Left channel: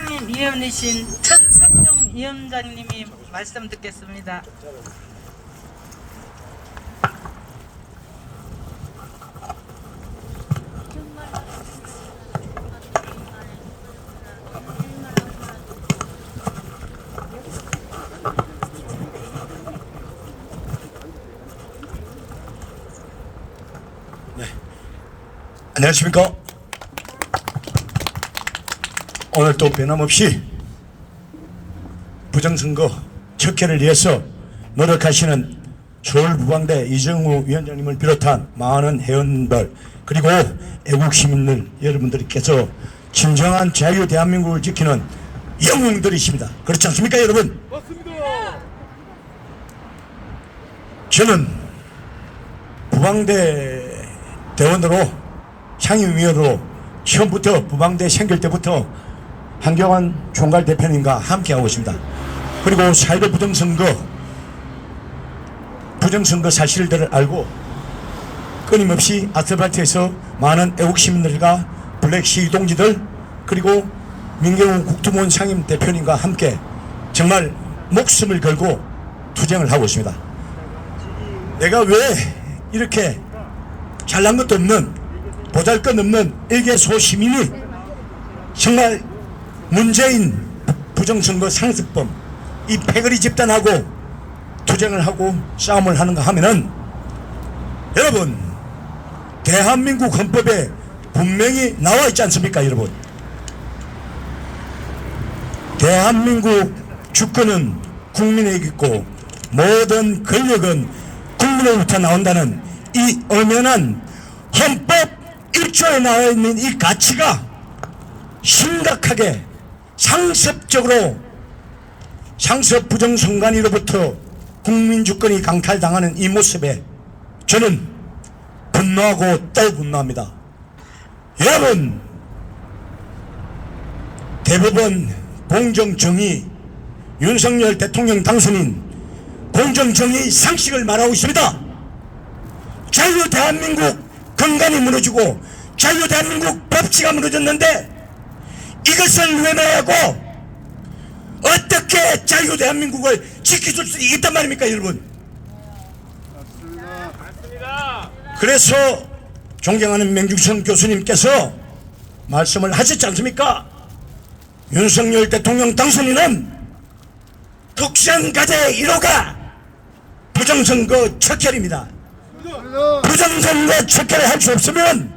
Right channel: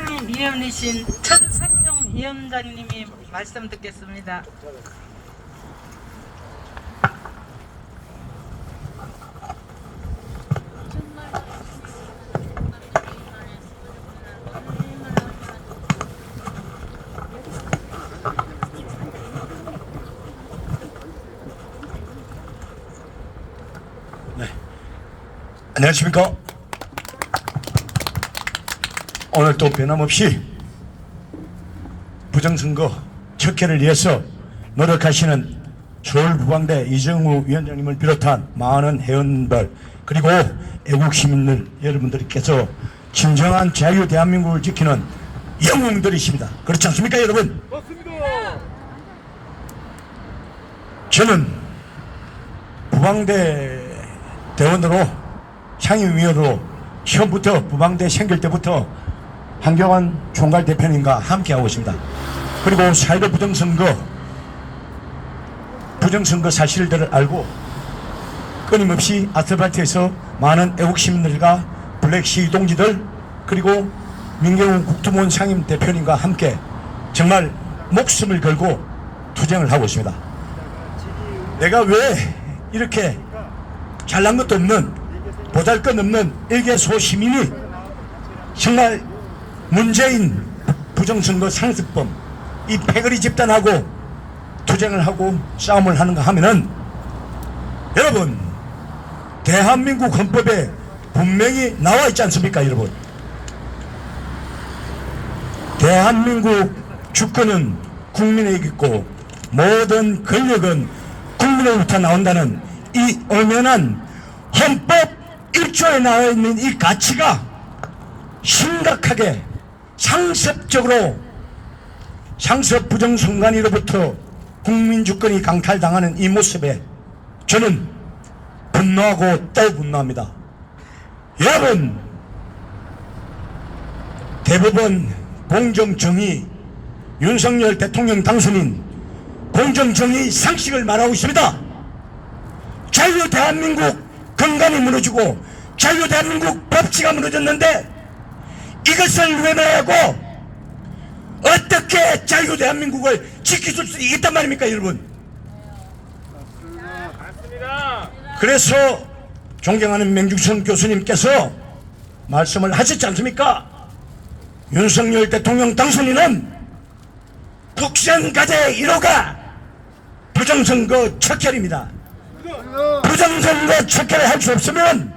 위원이신 천성용 위원장님이 말씀 듣겠습니다. 네. 안녕하십니까. 오늘 또 변함없이 부정선거 척결을 위해서 노력하시는 서울부방대 이정우 위원장님을 비롯한 많은 회원들 그리고 애국시민들 여러분들께서 진정한 자유 대한민국을 지키는 영웅들이십니다. 그렇지 않습니까 여러분? 맞습니다. 저는 부방대 대원으로 상임위원으로 처음부터 부방대 생길 때부터 한경환 총괄 대표님과 함께하고 있습니다. 그리고 4.15 부정선거 사실들을 알고 끊임없이 아스팔트에서 많은 애국시민들과 블랙시 동지들 그리고 민경훈 국토부원 상임 대표님과 함께 정말 목숨을 걸고 투쟁을 하고 있습니다. 내가 왜 이렇게 잘난 것도 없는 보잘것없는 일개소 시민이 정말 문재인 부정선거 상습범 이 패거리 집단하고 투쟁을 하고 싸움을 하는가 하면은 여러분 대한민국 헌법에 분명히 나와 있지 않습니까 여러분? 대한민국 주권은 국민에게 있고 모든 권력은 국민으로부터 나온다는 이 엄연한 헌법 1조에 나와 있는 이 가치가 심각하게 상습적으로 상습 부정선관위로부터 국민주권이 강탈당하는 이 모습에 저는 분노하고 또 분노합니다. 여러분 대법원 공정정의 윤석열 대통령 당선인 공정정의 상식을 말하고 있습니다. 자유 대한민국 근간이 무너지고 자유 대한민국 법치가 무너졌는데 이것을 외면하고 어떻게 자유 대한민국을 지켜줄 수 있단 말입니까 여러분? 맞습니다. 그래서 존경하는 맹중선 교수님께서 말씀을 하셨지 않습니까? 윤석열 대통령 당선인은 국선과제의 1호가 부정선거 척결입니다. 부정선거 척결을 할 수 없으면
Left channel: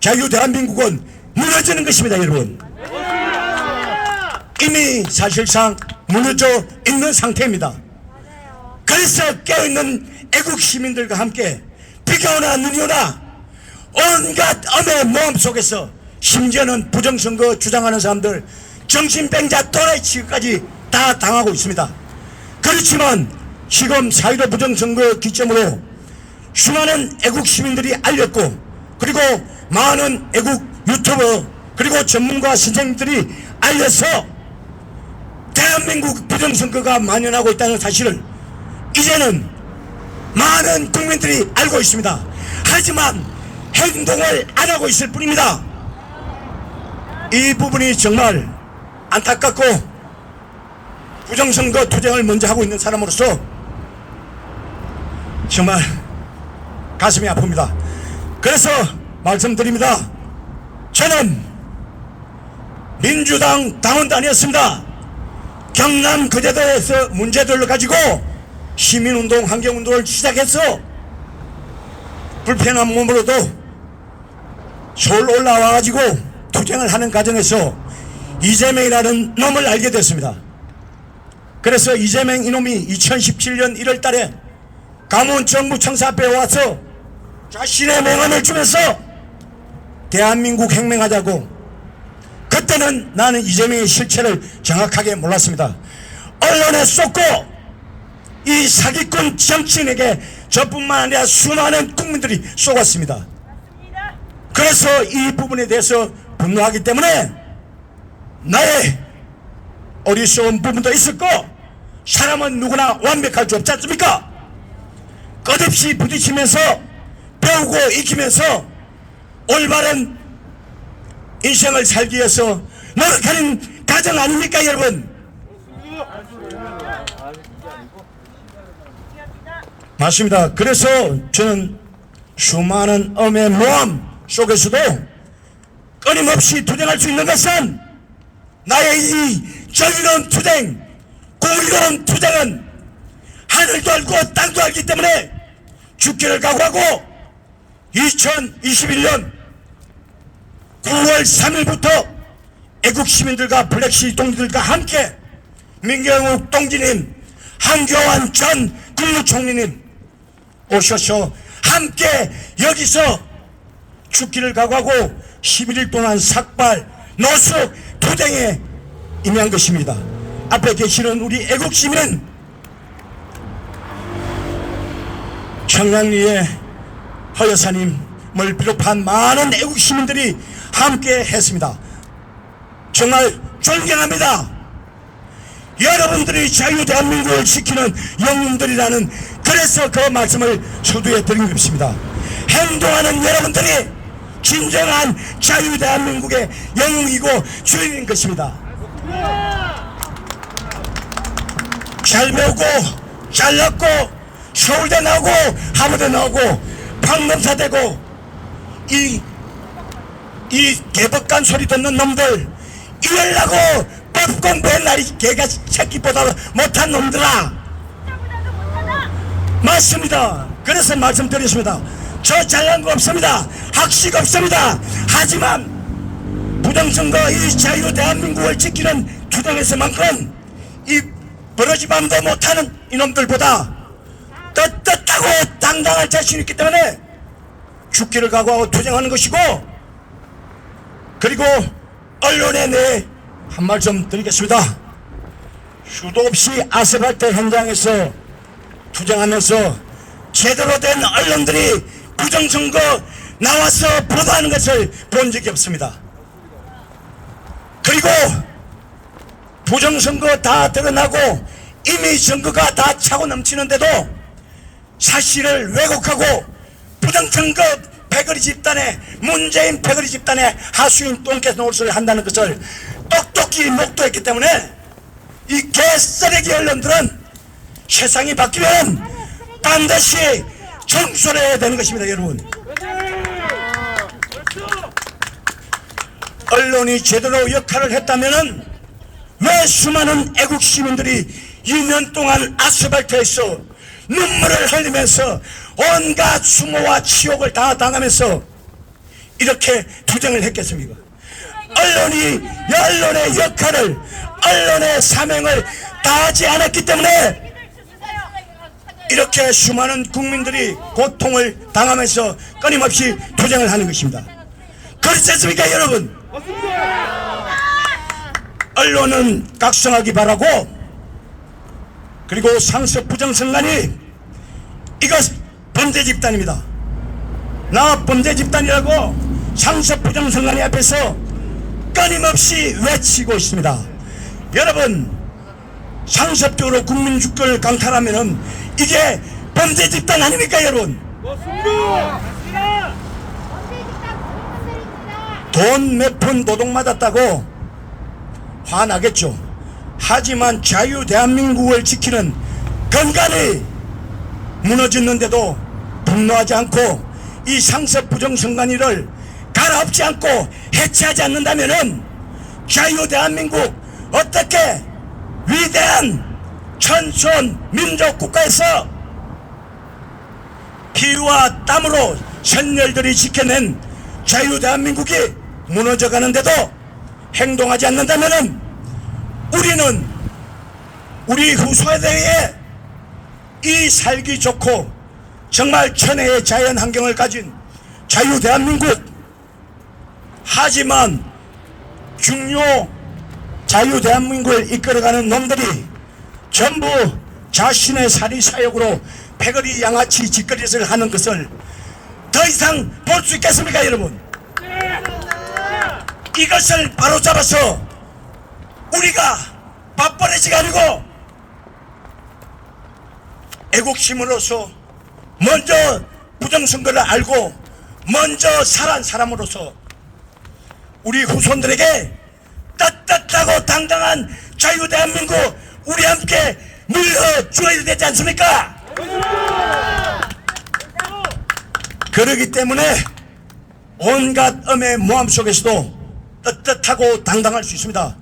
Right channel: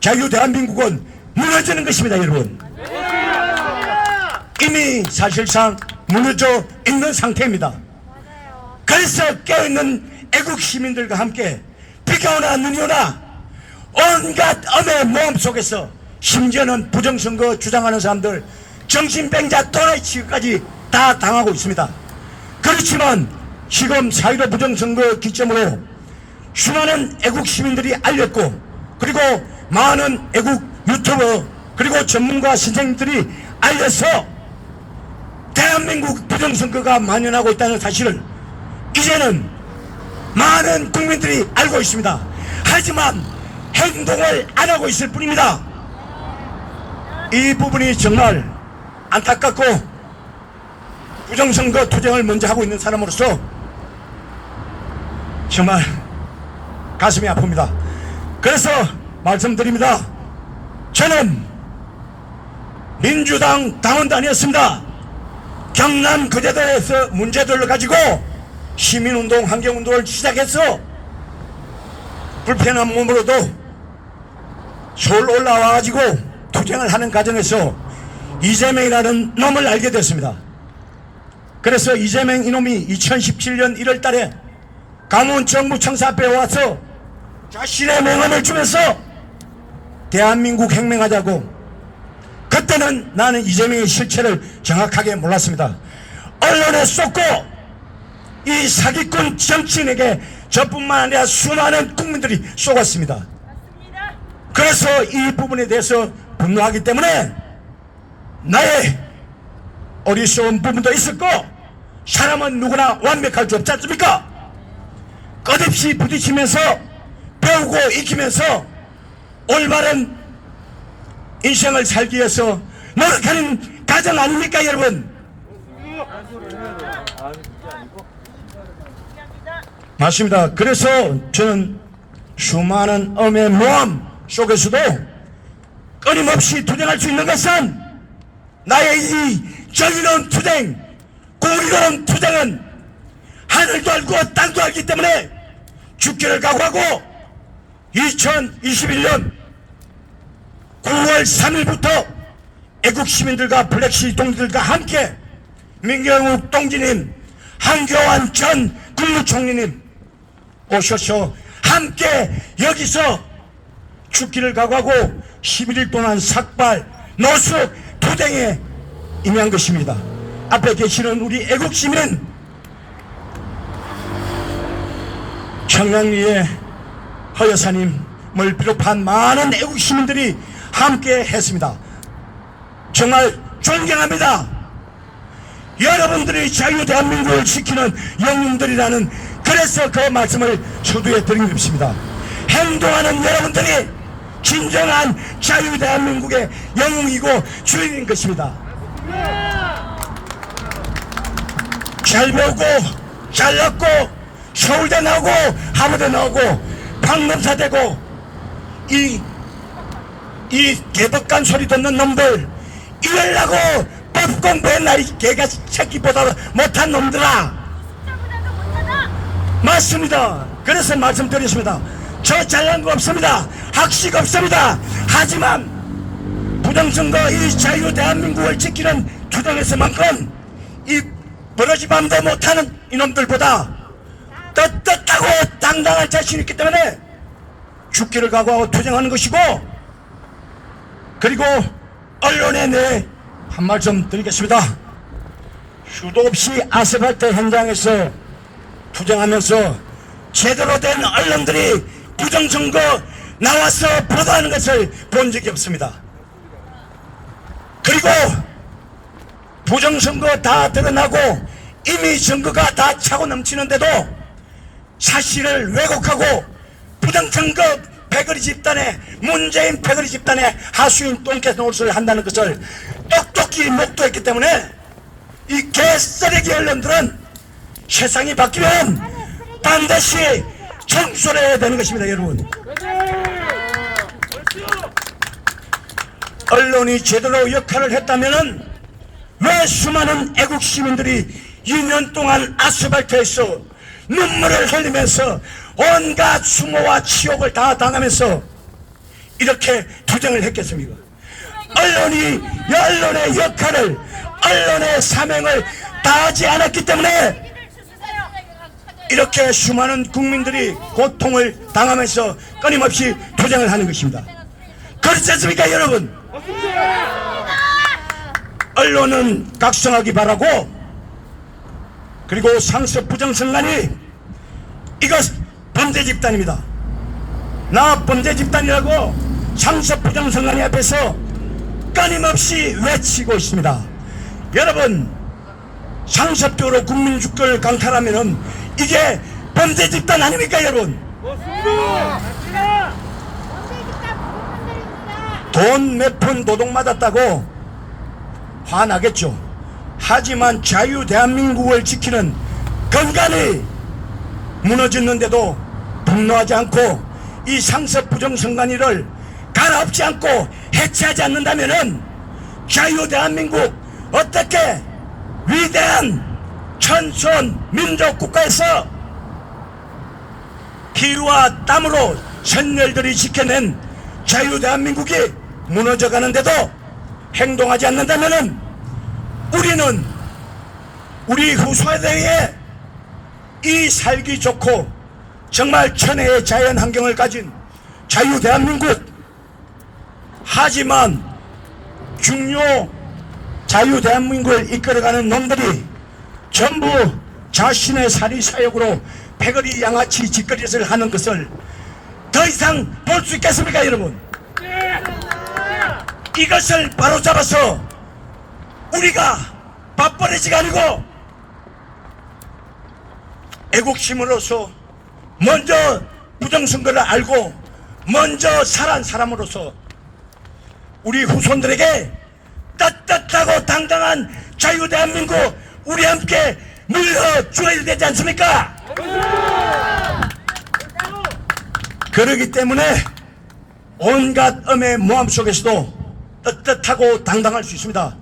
자유 대한민국은 무너지는 것입니다 여러분. 이미 사실상 무너져 있는 상태입니다. 그래서 깨어있는 애국 시민들과 함께 비가 오나 눈이 오나 온갖 엄의 모험 속에서 심지어는 부정선거 주장하는 사람들 정신병자 또라이 취급까지 다 당하고 있습니다. 그렇지만 지금 4.15 부정선거 기점으로 수많은 애국 시민들이 알렸고 그리고 많은 애국 유튜버 그리고 전문가 선생님들이 알려서 대한민국 부정선거가 만연하고 있다는 사실을 이제는 많은 국민들이 알고 있습니다. 하지만 행동을 안 하고 있을 뿐입니다. 이 부분이 정말 안타깝고 부정선거 투쟁을 먼저 하고 있는 사람으로서 정말 가슴이 아픕니다. 그래서 말씀드립니다. 저는 민주당 당원단이었습니다. 경남 거제도에서 문제들을 가지고 시민운동 환경운동을 시작해서 불편한 몸으로도 서울 올라와가지고 투쟁을 하는 과정에서 이재명이라는 놈을 알게 됐습니다. 그래서 이재명 이놈이 2017년 1월 달에 강원 정부청사 앞에 와서 자신의 명함을 주면서 대한민국 혁명하자고 그때는 나는 이재명의 실체를 정확하게 몰랐습니다. 언론에 쏟고 이 사기꾼 정치인에게 저뿐만 아니라 수많은 국민들이 쏘았습니다. 그래서 이 부분에 대해서 분노하기 때문에 나의 어리석은 부분도 있었고 사람은 누구나 완벽할 수 없지 않습니까? 끝없이 부딪히면서 배우고 익히면서 올바른 인생을 살기 위해서 노력하는 과정 아닙니까 여러분? 맞습니다. 그래서 저는 수많은 엄의 모험 속에서도 끊임없이 투쟁할 수 있는 것은 나의 이 정의로운 투쟁, 공의로운 투쟁은 하늘도 알고 땅도 알기 때문에 죽기를 각오하고 2021년 9월 3일부터 애국 시민들과 블랙시 동지들과 함께 민경욱 동지님, 한교안 전 국무총리님 오셔서 함께 여기서 죽기를 각오하고 11일 동안 삭발, 노숙, 투쟁에 임한 것입니다. 앞에 계시는 우리 애국시민 청량리의 허 여사님을 비롯한 많은 애국시민들이 함께 했습니다. 정말 존경합니다. 여러분들이 자유대한민국을 지키는 영웅들이라는, 그래서 그 말씀을 서두에 드린 것입니다. 행동하는 여러분들이 진정한 자유대한민국의 영웅이고 주인인 것입니다. 잘 배우고 잘 낳고 서울대 나오고 하버드 나오고 판검사 되고 이 개덕간 소리 듣는 놈들 이러려고 법 공부했나, 이 개가 새끼보다 못한 놈들아. 맞습니다. 그래서 말씀드렸습니다. 저 잘난 거 없습니다. 학식 없습니다. 하지만 부정선거 이 자유대한민국을 지키는 투쟁에서만큼 이 버러지밤도 못하는 이놈들보다 떳떳하고 당당할 자신이 있기 때문에 죽기를 각오하고 투쟁하는 것이고, 그리고 언론에 내 한 말씀 드리겠습니다. 수도 없이 아스팔트 현장에서 투쟁하면서 제대로 된 언론들이 부정선거 나와서 보도하는 것을 본 적이 없습니다. 그리고 부정선거 다 드러나고 이미 선거가 다 차고 넘치는데도 사실을 왜곡하고 부정선거 패거리 집단에, 문재인 패거리 집단에 하수인 똥개 노릇을 한다는 것을 똑똑히 목도했기 때문에 이 개쓰레기 언론들은 세상이 바뀌면 반드시 청소를 해야 되는 것입니다. 여러분, 언론이 제대로 역할을 했다면 왜 수많은 애국 시민들이 2년 동안 아스팔트에서 눈물을 흘리면서 온갖 수모와 치욕을 다 당하면서 이렇게 투쟁을 했겠습니까? 언론의 역할을, 언론의 사명을 다하지 않았기 때문에 이렇게 수많은 국민들이 고통을 당하면서 끊임없이 투쟁을 하는 것입니다. 그렇지 않습니까 여러분? 언론은 각성하기 바라고, 그리고 상습 부정선관이 이것 범죄 집단입니다. 나 범죄 집단이라고 상습 부정선관이 앞에서 끊임없이 외치고 있습니다. 여러분, 상습적으로 국민 주권을 강탈하면은 이게 범죄 집단 아닙니까 여러분? 돈 몇 푼 도둑 맞았다고 화나겠죠. 하지만 자유 대한민국을 지키는 건강이 무너졌는데도 분노하지 않고 이 상습 부정선관위를 가라엎지 않고 해체하지 않는다면은 자유 대한민국 어떻게 위대한 천손 민족 국가에서 피와 땀으로 선열들이 지켜낸 자유 대한민국이 무너져 가는데도 행동하지 않는다면은 우리는 우리 후세대에 이 살기 좋고 정말 천혜의 자연 환경을 가진 자유 대한민국, 하지만 중요 자유 대한민국을 이끌어가는 놈들이 전부 자신의 사리 사욕으로 패거리 양아치 짓거리를 하는 것을 더 이상 볼 수 있겠습니까 여러분? 이것을 바로잡아서 우리가 밥버릇이 아니고 애국심으로서 먼저 부정선거를 알고 먼저 살아난 사람으로서 우리 후손들에게 떳떳하고 당당한 자유 대한민국 우리 함께 밀어줘야 되지 않습니까? 그러기 때문에 온갖 엄의 모함 속에서도 떳떳하고 당당할 수 있습니다.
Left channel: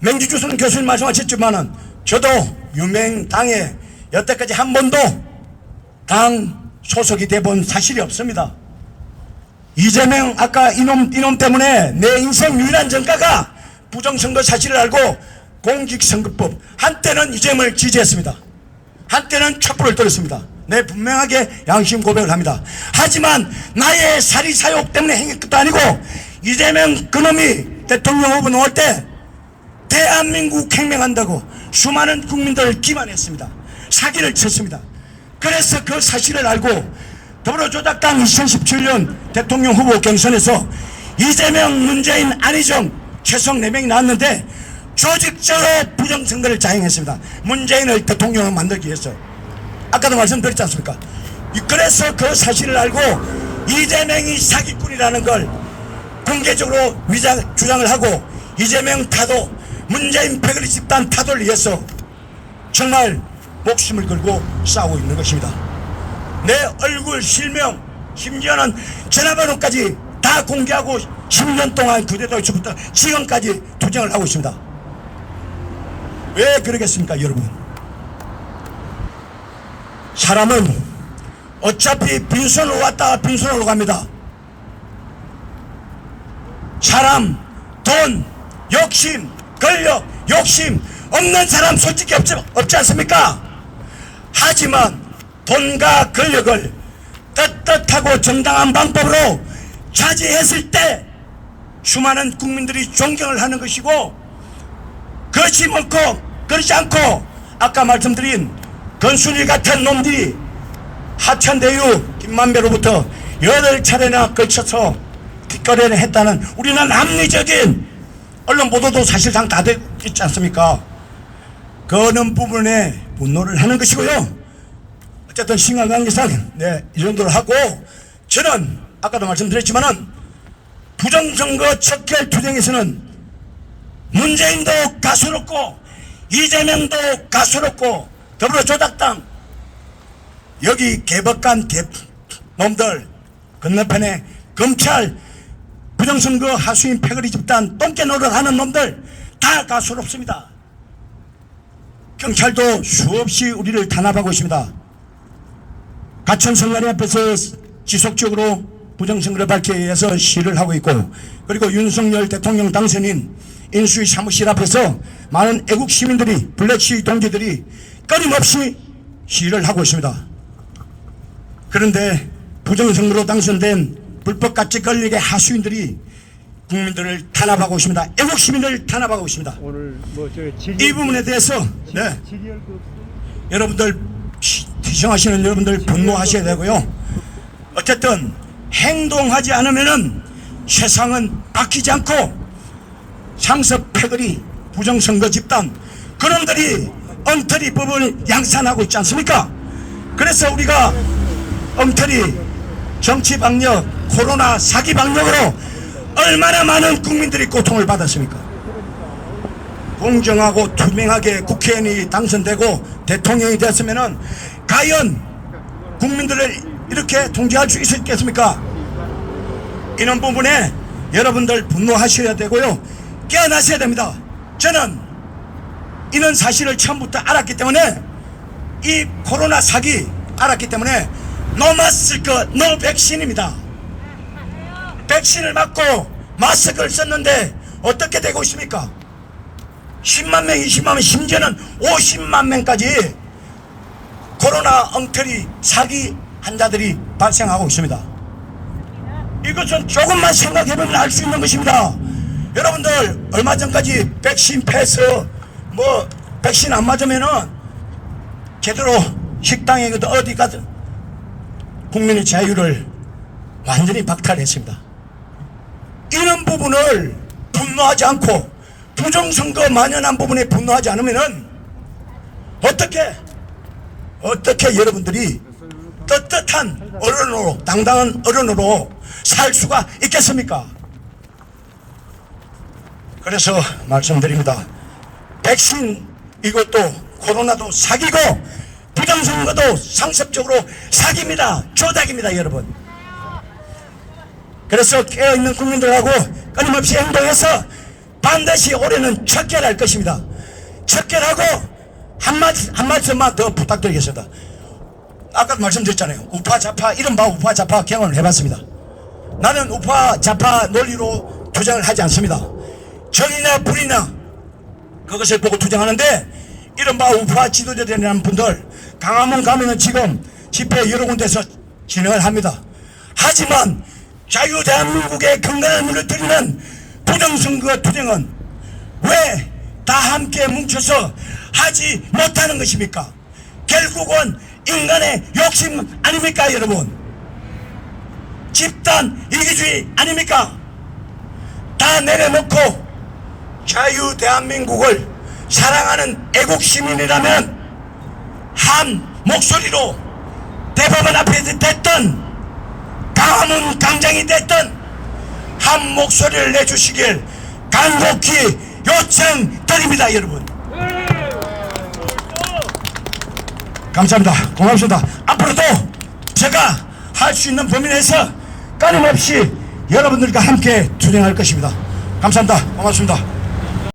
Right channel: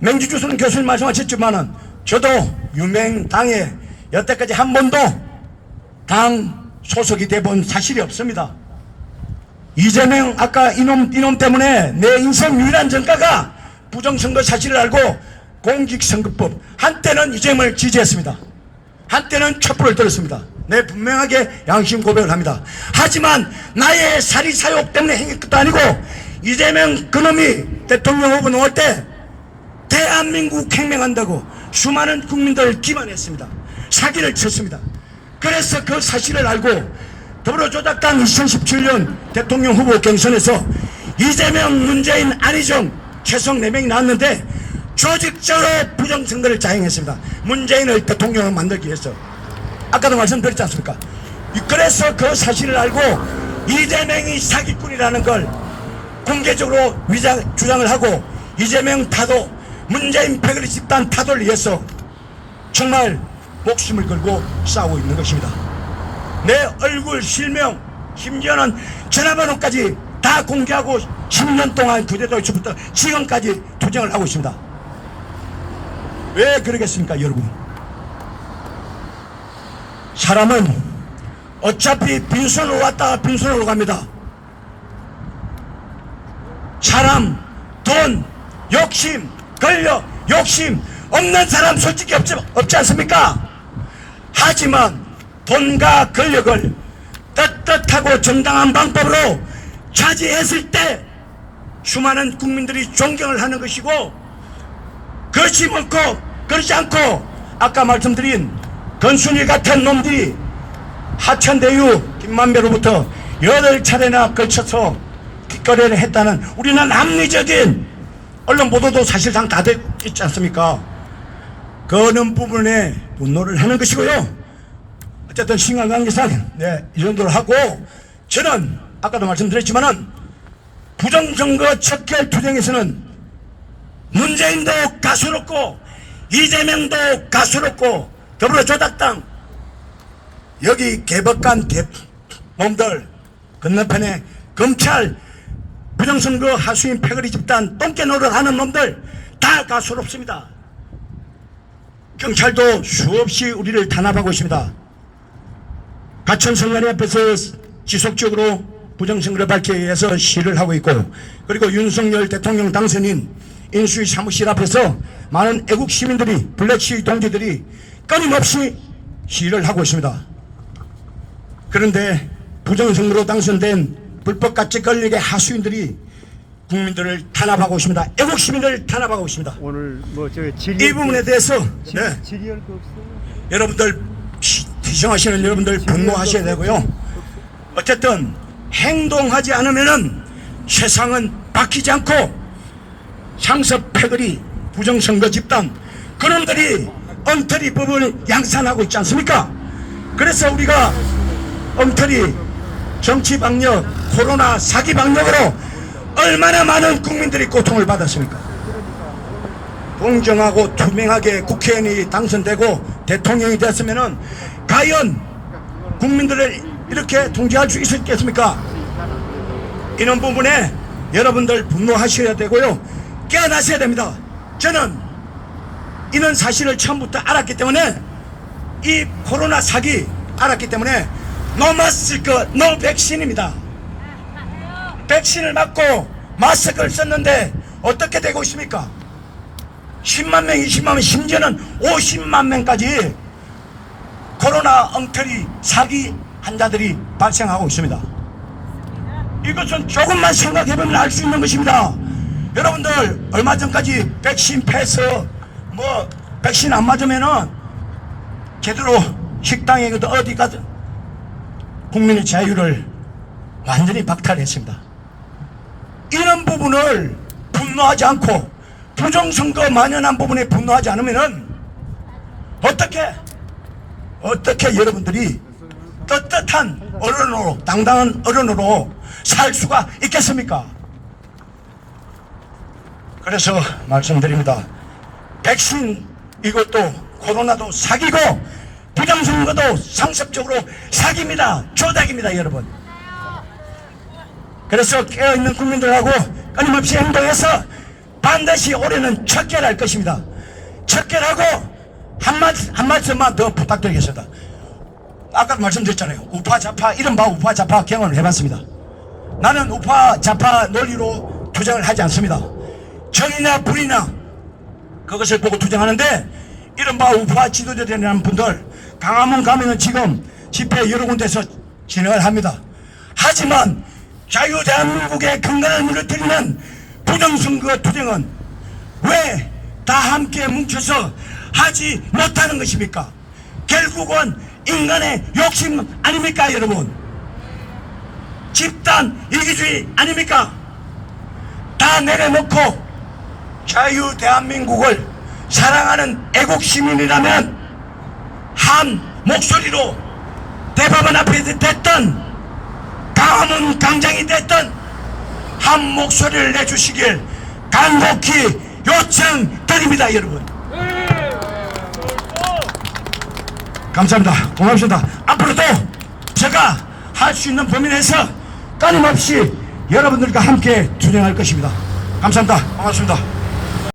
맹지주선 교수님 말씀하셨지만은 저도 유명당에 여태까지 한 번도 당 소속이 돼본 사실이 없습니다. 이재명 아까 이놈 때문에 내 인생 유일한 전가가 부정선거 사실을 알고 공직선거법 한때는 이재명을 지지했습니다. 한때는 촛불을 들었습니다. 내 분명하게 양심 고백을 합니다. 하지만 나의 사리사욕 때문에 행한 것도 아니고 이재명 그놈이 대통령 후보 나올 때 대한민국 혁명한다고 수많은 국민들을 기만했습니다. 사기를 쳤습니다. 그래서 그 사실을 알고 더불어조작당 2017년 대통령 후보 경선에서 이재명, 문재인, 안희정 최성 4명이 나왔는데 조직적으로 부정선거를 자행했습니다. 문재인을 대통령을 만들기 위해서. 아까도 말씀드렸지 않습니까? 그래서 그 사실을 알고 이재명이 사기꾼이라는 걸 공개적으로 주장을 하고 이재명 타도, 문재인 패거리 집단 타도를 위해서 정말 목숨을 걸고 싸우고 있는 것입니다. 내 얼굴, 실명, 심지어는 전화번호까지 다 공개하고 10년 동안 그대로부터 지금까지 투쟁을 하고 있습니다. 왜 그러겠습니까, 여러분? 사람은 어차피 빈손으로 왔다가 빈손으로 갑니다. 사람, 돈, 욕심, 권력, 욕심 없는 사람 솔직히 없지 않습니까? 하지만 돈과 권력을 떳떳하고 정당한 방법으로 차지했을 때 수많은 국민들이 존경을 하는 것이고, 그렇지 않고 아까 말씀드린 건순일 같은 놈들이 하천대유 김만배로부터 8차례나 걸쳐서 뒷거래를 했다는 우리는 합리적인 언론 보도도 사실상 다 있지 않습니까? 그런 부분에 분노를 하는 것이고요. 어쨌든 신강관계상 이 정도로 하고, 저는 아까도 말씀드렸지만은 부정선거 척결 투쟁에서는 문재인도 가소롭고 이재명도 가소롭고 더불어조작당 여기 개법관 놈들 건너편에 검찰 부정선거 하수인 패거리 집단 똥개 노릇하는 놈들 다 가소롭습니다. 경찰도 수없이 우리를 탄압하고 있습니다. 가천성관위 앞에서 지속적으로 부정선거를 밝히기 위해서 시위를 하고 있고, 그리고 윤석열 대통령 당선인 인수위 사무실 앞에서 많은 애국 시민들이, 블랙시 동지들이 끊임없이 시위를 하고 있습니다. 그런데 부정선거로 당선된 불법가치 권력의 하수인들이 국민들을 탄압하고 있습니다. 애국 시민들을 탄압하고 있습니다. 오늘 이 부분에 대해서 질의할 거 없어요? 여러분들 시청하시는 여러분들 분노하셔야 되고요. 어쨌든 행동하지 않으면은 세상은 바뀌지 않고 상습 패거리 부정선거 집단 그놈들이 엉터리 법을 양산하고 있지 않습니까? 그래서 우리가 엉터리 정치 방역, 코로나 사기 방역으로 얼마나 많은 국민들이 고통을 받았습니까? 공정하고 투명하게 국회의원이 당선되고 대통령이 됐으면은 과연 국민들을 이렇게 통제할 수 있었겠습니까? 이런 부분에 여러분들 분노하셔야 되고요. 깨어나셔야 됩니다. 저는 이런 사실을 처음부터 알았기 때문에, 이 코로나 사기 알았기 때문에 노 마스크 노 백신입니다. 백신을 맞고 마스크를 썼는데 어떻게 되고 있습니까? 10만 명, 20만 명, 심지어는 50만 명까지 코로나 엉터리 사기 환자들이 발생하고 있습니다. 이것은 조금만 생각해보면 알 수 있는 것입니다. 여러분들 얼마 전까지 백신 패스 백신 안 맞으면은 제대로 식당에 어디 가든 국민의 자유를 완전히 박탈했습니다. 이런 부분을 분노하지 않고 부정선거 만연한 부분에 분노하지 않으면은 어떻게 여러분들이 떳떳한 어른으로, 당당한 어른으로 살 수가 있겠습니까? 그래서 말씀드립니다. 백신 이것도 코로나도 사기고 부정선거도 상습적으로 사기입니다. 조작입니다, 여러분. 그래서 깨어있는 국민들하고 끊임없이 행동해서 반드시 올해는 척결할 것입니다. 척결하고 한마디만 더 부탁드리겠습니다. 아까 말씀드렸잖아요. 우파 좌파 이른바 우파 좌파 경험을 해봤습니다. 나는 우파 좌파 논리로 투쟁을 하지 않습니다. 정의나 불이나 그것을 보고 투쟁하는데 이른바 우파 지도자들이라는 분들 강화문 가면은 지금 집회 여러 군데서 진행을 합니다. 하지만 자유대한민국의 근간을 무너뜨리는 부정선거 투쟁은 왜 다 함께 뭉쳐서 하지 못하는 것입니까? 결국은 인간의 욕심 아닙니까, 여러분? 집단 이기주의 아닙니까? 다 내려놓고 자유 대한민국을 사랑하는 애국 시민이라면 한 목소리로 대법원 앞에 됐든 강화문 광장이 됐든 한 목소리를 내주시길 간곡히 요청드립니다, 여러분. 감사합니다. 고맙습니다. 앞으로도 제가 할 수 있는 범위 내에서 끊임없이 여러분들과 함께 투쟁할 것입니다. 감사합니다. 고맙습니다.